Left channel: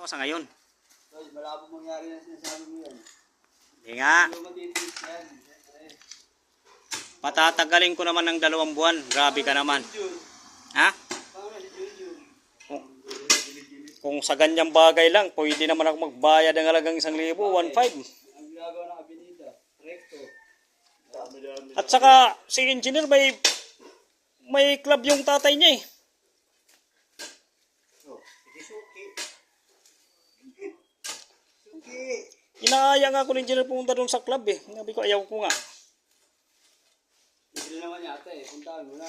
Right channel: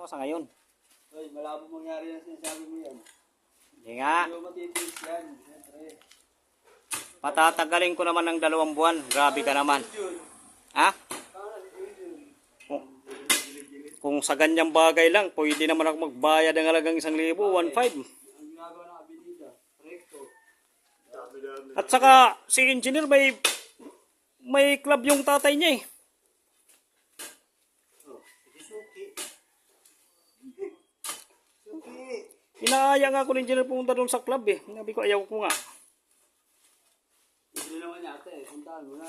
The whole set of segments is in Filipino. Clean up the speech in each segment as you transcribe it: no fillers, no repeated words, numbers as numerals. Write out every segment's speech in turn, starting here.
Ako sa ngayon. Hoy, malabo mangyari na sinasabi mo yan. Hindi nga. Hindi mo matitiis yan. Siyempre. Patatagalin ko naman ng 2 buwan. Grabe ka naman. Ha? Kung sa ganyang bagay lang, pwede naman ako magbayad ng halagang 1,000, 1,500. Ang ginagawa ng Avenida, recto. At saka si engineer may club yung tatay niya eh. Inaaya nga ako ng engineer pumunta doon sa club eh. Sabi ko ayaw ko nga. Hindi naman yata eh. Puntaan mo na.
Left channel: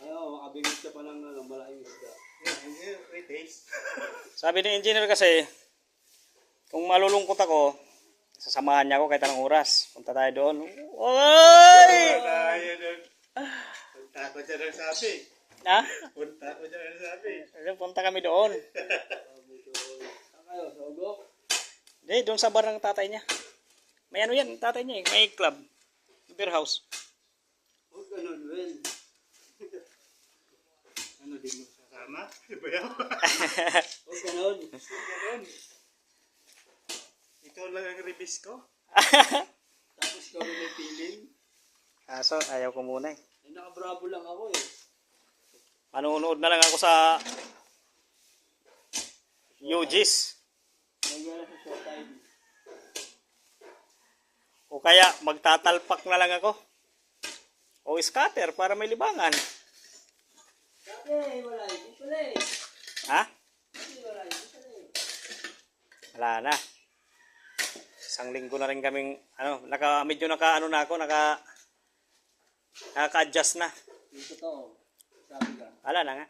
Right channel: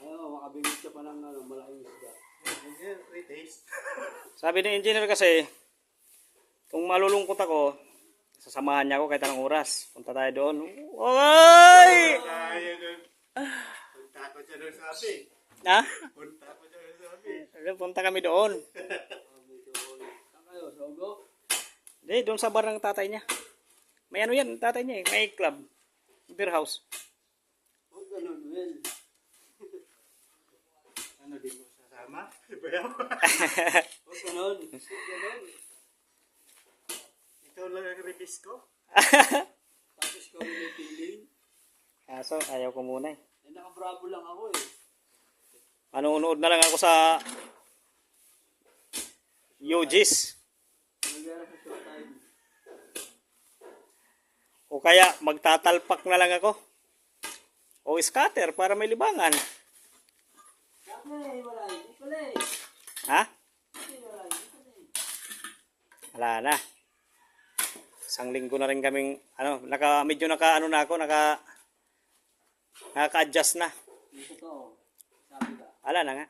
Ayaw, makabingit ka pa ng malaking isda. Sabi ng engineer kasi, kung malulungkot ako, sasamahan niya ako kahit anong oras. Punta tayo doon. Oy! Punta ko dyan ang sabi. Ha? Punta ko dyan ang sabi. Punta kami doon. Saan kayo? Sa Ugo? Hindi, doon sa bar ng tatay niya. May ano yan, tatay niya eh. May club. Beer house. Huwag ganun, Will. Ano din mo sasama? Bayaw. Huwag ganun. Ikaw lang ang release ko. Tapos ikaw rin may feeling. So, ayaw ko muna eh. Nakabravo lang ako eh. Manunood na lang ako sa UGs. Nagyara sa showtime. O kaya magtatalpak na lang ako. O scatter para may libangan. Dati, wala. Hindi pala eh. Ha? Hindi wala. Hindi pala eh. Wala na. 1 linggo na rin kaming medyo naka-adjust na. Yung totoo. Sabi ka. Wala na nga.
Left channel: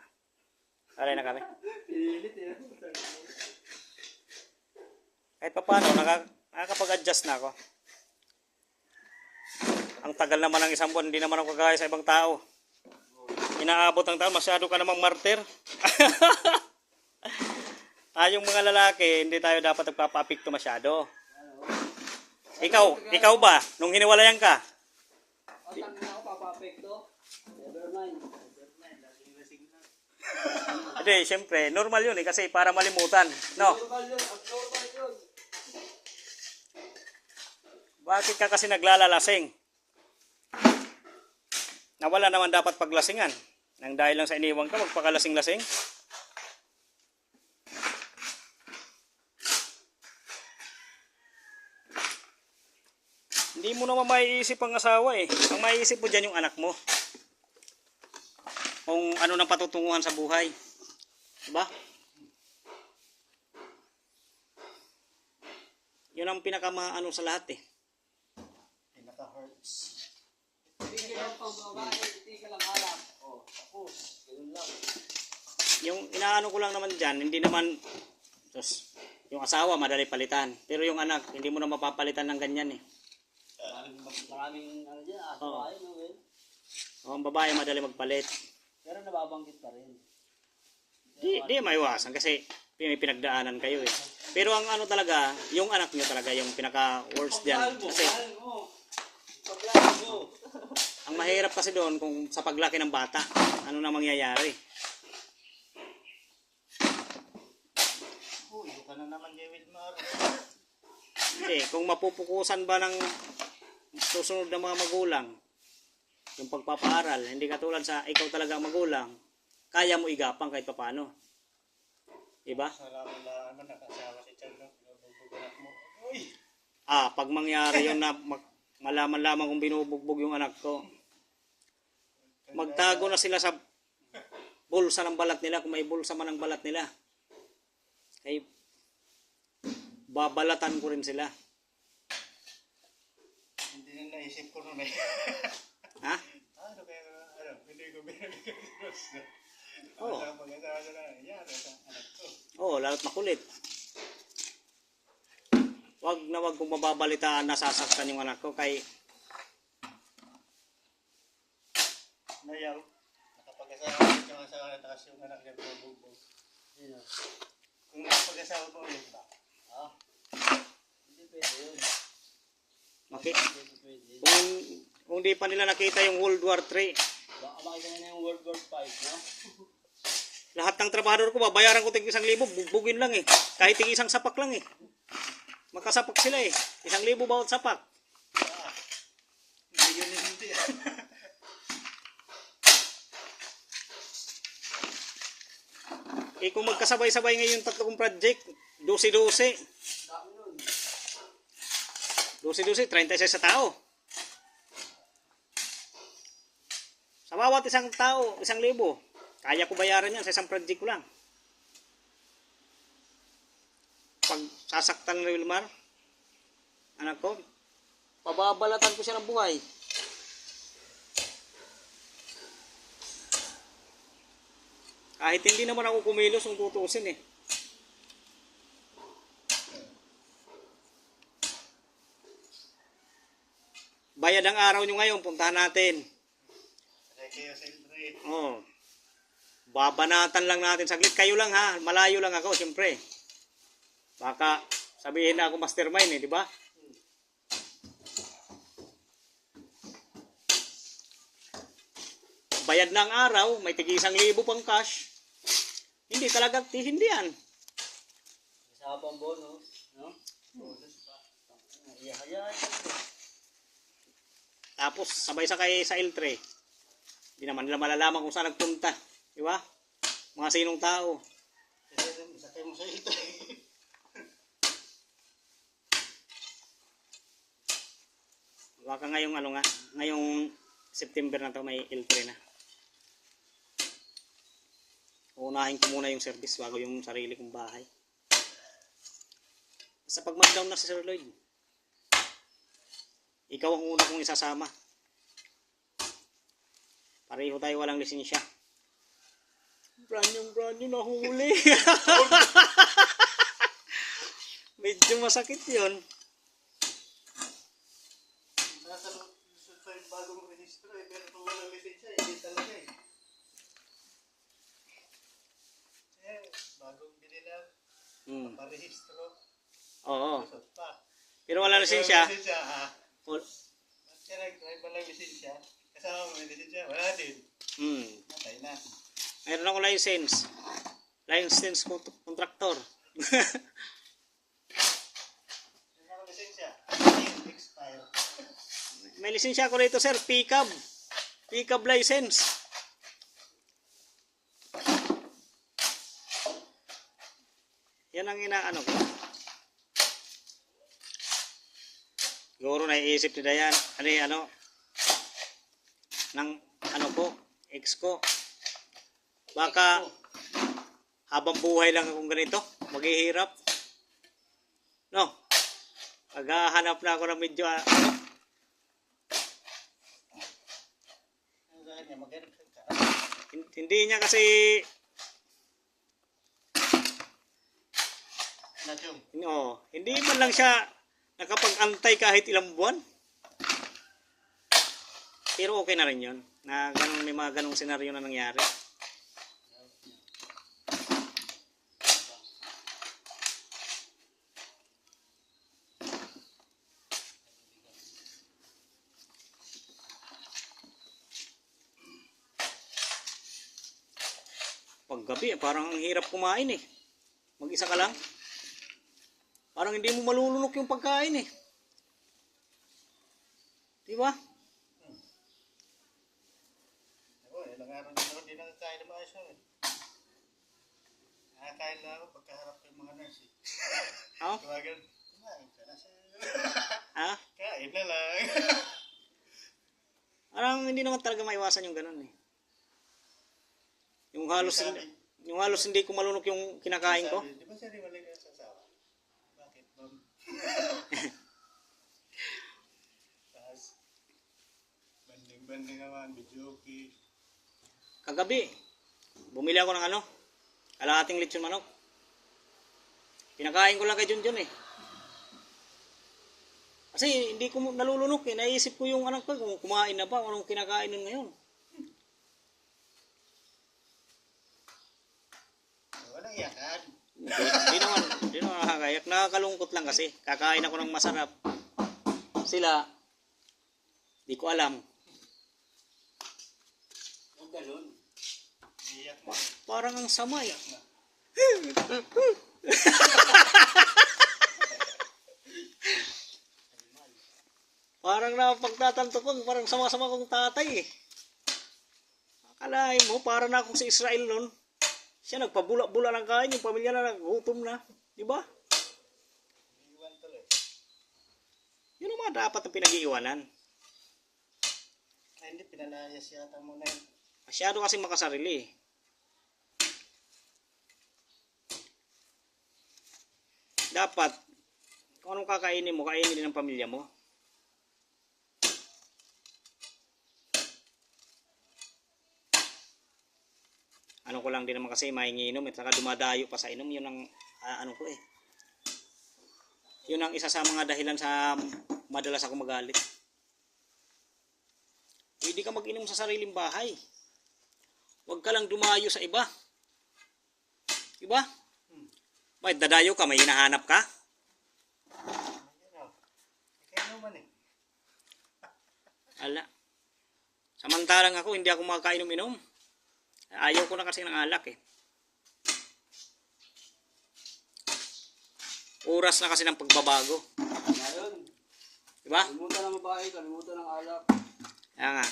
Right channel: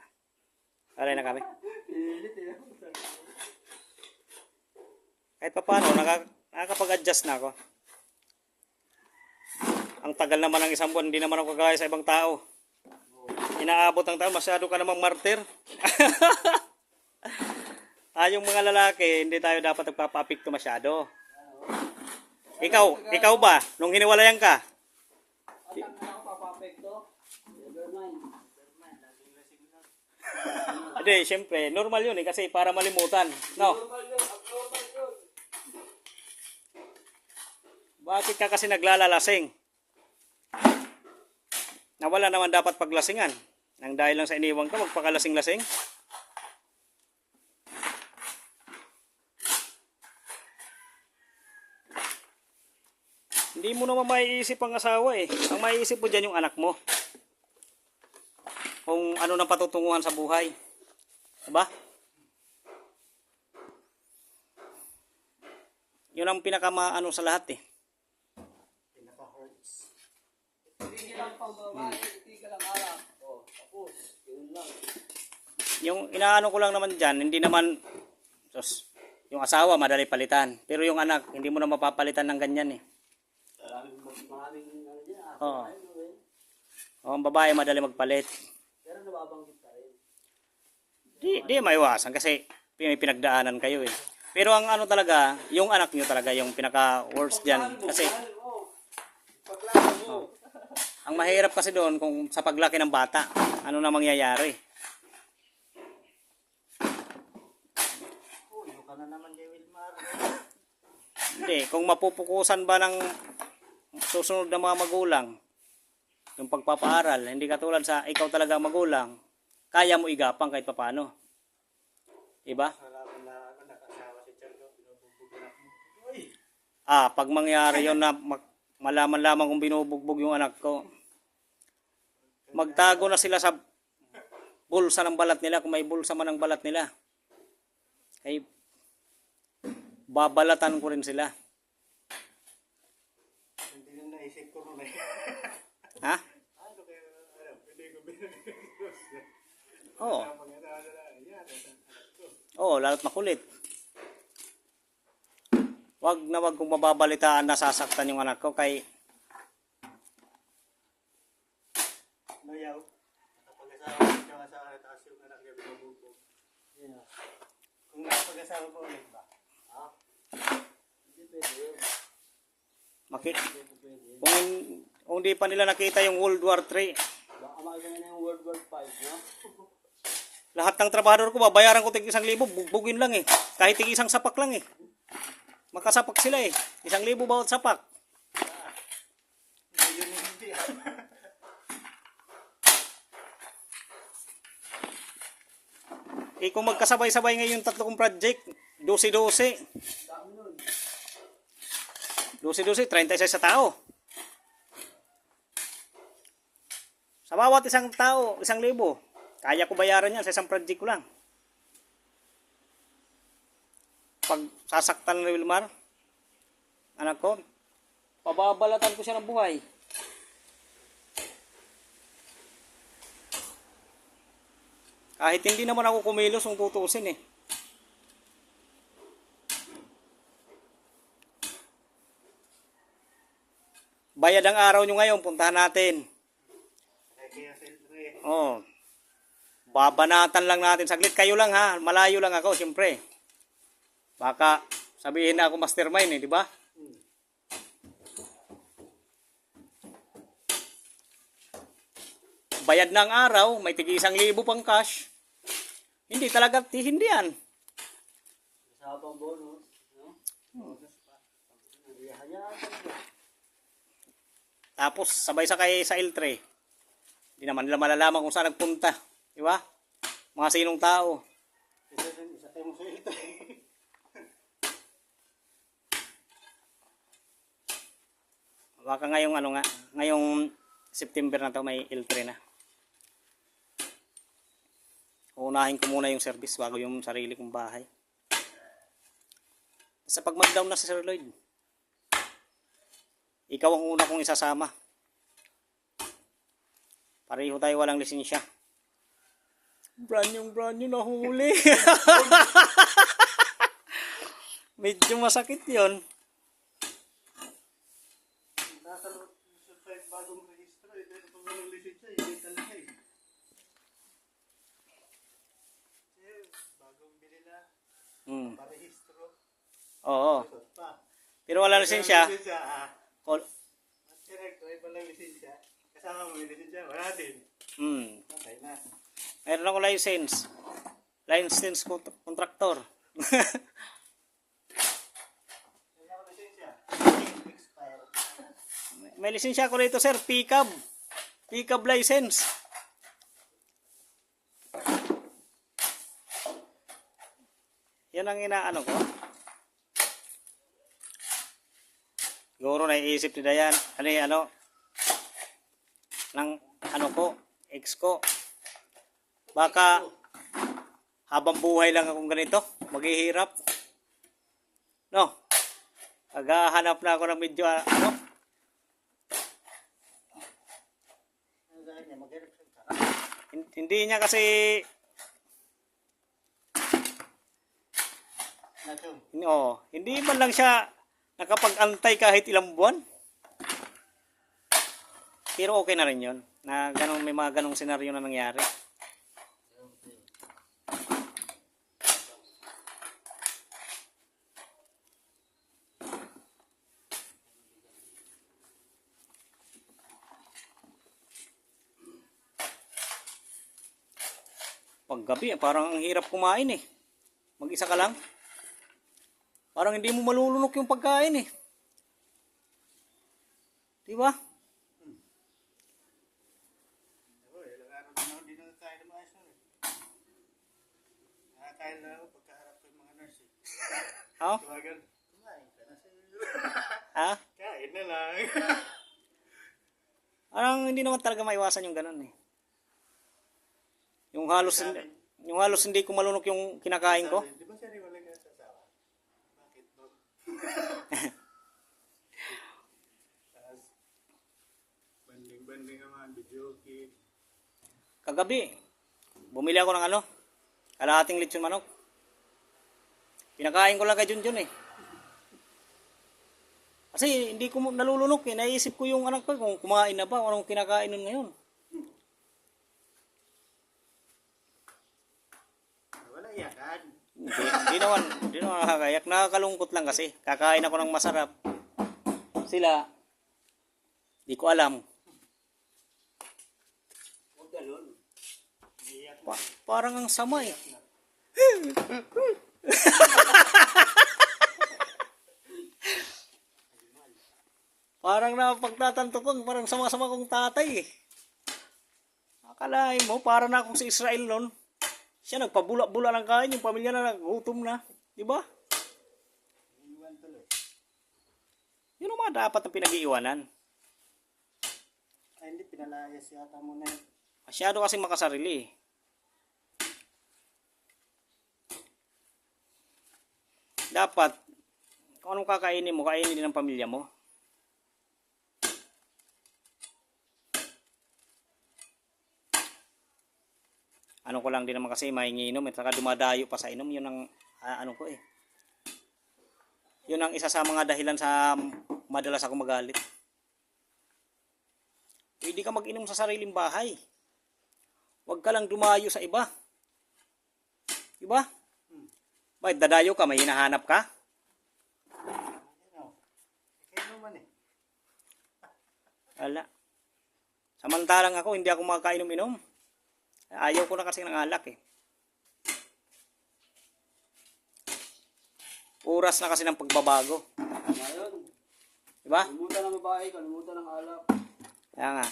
Wala na kami. Pinilit eh. Kahit pa paano, nakakapag-adjust na ako. Ang tagal naman ng 1 buwan, hindi naman ako kagaya sa ibang tao. Inaabot ang taon, masyado ka namang martir. Tayong mga lalaki, hindi tayo dapat nagpapa-apekto masyado. Ikaw ba? Nung hiniwalayan ka? Atang na ako papapekto. Never mind. Hindi, syempre, normal yun eh, kasi para malimutan. No? Normal yun. Abnormal yun. Bakit ka kasi naglalalasing? Nawala naman dapat paglasingan. Nang dahil lang sa iniwan ka, magpakalasing-lasing. Hindi mo naman maiisip ang asawa eh. Ang maiisip mo dyan yung anak mo. Kung ano nang patutunguhan sa buhay. Diba? Yun ang pinakamaano sa lahat eh. Pinaka-hurts. Hindi ka lang pang babae. Hindi ka lang harap. O, tapos. Ganun lang. Yung inaano ko lang naman dyan, hindi naman, yung asawa madali palitan. Pero yung anak, hindi mo na mapapalitan ng ganyan eh. Maraming ano dyan. Oo. Ayaw no, Will. O, ang babae madali magpalit. Pero nababanggit ka rin. Di maiwasan kasi may pinagdaanan kayo eh. Pero ang ano talaga, yung anak nyo talaga yung pinaka-worst dyan. Kasi Paglaban mo. ang mahirap kasi doon kung sa paglaki ng bata, ano na mangyayari. Ulo ka na naman kay Wilmar. Hindi, kung mapupukusan ba ng susunod na mga magulang, yung pagpapaaral, hindi katulad sa ikaw talaga magulang, kaya mo igapang kahit papano. Diba? Salamat lang naman nakasawa si Chalo. Binubugbog mo. Uy! Pag mangyari yun na malaman lamang kung binubugbog yung anak ko, magtago na sila sa bulsa ng balat nila, kung may bulsa man ang balat nila. Kaya babalatan ko rin sila. Hindi na naisip ko nun eh. Ha? Ano kaya, hindi ko binigay. Oo. Pag-asawa na, yan, sa anak ko. Oo, lalo't makulit. Wag kung mababalitaan na sasaktan yung anak ko kay Nayaw. Nakapag-asawa yung asawa na taas yung anak niya binubugbog. Sino? Kung nakapag-asawa mo ulit ba? Ha? Hindi pwede yun. makita. Hindi pwede. Kung di pa nila nakita yung World War 3, Baka makita nila yung World War 5, no? Lahat ng trabahador ko, babayaran ko tig 1,000, bugbugin lang eh. Kahit tig isang sapak lang eh. Makasapak sila eh. 1,000 bawat sapak. Hindi yun yung hindi. Eh kung magkasabay-sabay ngayon 3 kong project, 12-12. Dami nun. 12-12, 36 sa tao. Sa bawat isang tao, 1,000. Kaya ko bayaran yan sa isang project ko lang. Pag sasaktan ni Wilmar, anak ko, pababalatan ko siya ng buhay. Kahit hindi naman ako kumilos kung tutusin eh. Bayad ang araw nyo ngayon, puntahan natin. Kaya siyempre. Oh. Babanatan lang natin saglit. Kayo lang ha, malayo lang ako siyempre. Baka sabihin na ako mastermind eh, di ba? Bayad ng araw, may tigi 1,000 pang cash. Hindi talaga tihindihan. Isa pang bonus. No? Bonus pa. Iyahayain ko. Tapos sabay sakay sa L3. Hindi naman nila malalaman kung saan nagpunta. Di ba? Mga sinong tao. Sakay mo sa ito. Baka ngayong ano nga, ngayong September na to may L3 na. Unahin ko muna yung service bago yung sarili kong bahay. Sa pag mag-down na si Sir Lloyd, ikaw ang una kong isasama. Pareho tayo walang lisensya. Brand new nahuli. Medyo masakit yon. Nasa lusod pa yung bagong rehistro eh. Pero kung walang lisensya, hindi talaga eh. Bagong bili na, parehistro. Oo. Lusod pa. Pero wala lisensya. Walang lisensya, ah. Call. At kaya nag-drive walang lisensya. Kasama mo may lisensya, wala din. Patay na. Meron ako license. License contractor. Wala ka lisensya. Expire. May lisensya ako rito, sir. Pickup. Pickup license. Yan ang inaano ko. Siguro naiisip nila yan. Ano, ng ano ko, ex ko. Baka habang buhay lang akong ganito, maghihirap. No? Maghahanap na ako ng medyo, ano, Ano sa kanya, maghanap ka. hindi niya kasi, Nachong. hindi man lang siya nakapag-antay kahit ilang buwan. Pero okay na rin yun. Na ganong, may mga ganong senaryo na nangyari. Paggabi, parang ang hirap kumain eh. Mag-isa ka lang. Parang hindi mo malulunok yung pagkain eh. Di ba? Ako, ilang araw din ako hindi nakakain ng maayos eh. Nakakain lang ako pagkaharap ko yung mga nurse eh. Oh? Tumagan, kumain ka na sir. Ha? Kain na lang. Parang hindi naman talaga maiwasan yung ganun eh. Yung halos hindi ko malunok yung kinakain ko. Di ba sir, wala ka sa asawa? Bakit ma'am? Tapos, banding-banding naman, videoke. Kagabi, bumili ako ng ano, kalahating lechon manok. Pinakain ko lang kay Junjun eh. Kasi hindi ko nalulunok eh. Naisip ko yung anak ko kung kumain na ba o anong kinakain nun ngayon. Walang iyakan. Hindi naman nakakayak. Nakakalungkot lang kasi. Kakain ako ng masarap. Sila, di ko alam. Huwag ganun. Iiyak Parang ang sama eh. Parang napagtatanto ko, parang sama-sama kong tatay eh. Akalain mo, para na akong si Israel nun. Siya nagpabula-bula ng kain, yung pamilya na nagutom na. Di ba? Iwan tuloy. Yun ang mga dapat ang pinag-iiwanan. Ay, hindi, pinalayas yata mo na yun. Masyado kasi makasarili eh. Dapat, kung anong kakainin mo, kainin din ng pamilya mo. Ano ko lang din naman kasi mainginom at saka dumadayo pa sa inom. Yun ang ano ko eh. Yun ang isa sa mga dahilan sa madalas ako magalit. Pwede ka mag-inom sa sariling bahay. Huwag ka lang dumayo sa iba. Diba? Bakit dadayo ka? May hinahanap ka? Kaya naman eh. Wala. Samantalang ako, hindi ako makakainom-inom. Ayaw ko na kasi ng alak eh. Oras na kasi ng pagbabago. Ngayon, Diba? kalimutan ng babae, kalimutan ng alak. Kaya nga.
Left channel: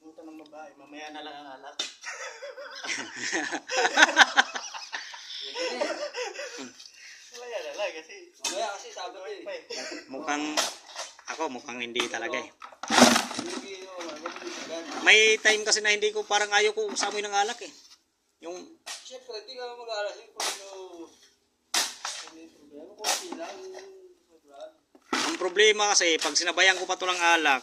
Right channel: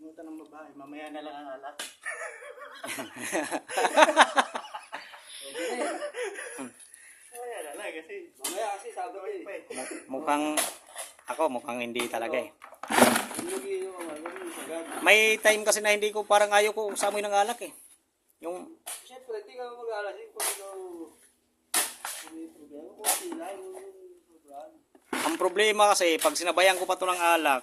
Limutan ng babae, mamaya na lang ang alak. Mamaya na lang kasi. Mamaya kasi sabat eh. Mukhang hindi talaga eh. Hindi yung agad. May time kasi na hindi ko parang ayaw ko usamoy ng alak eh. Yung Siyempre, hindi ka mag-aalasin kung ano. Kung may problema, kung sila yung sobrang. ang problema kasi pag sinabayan ko pa to ng alak,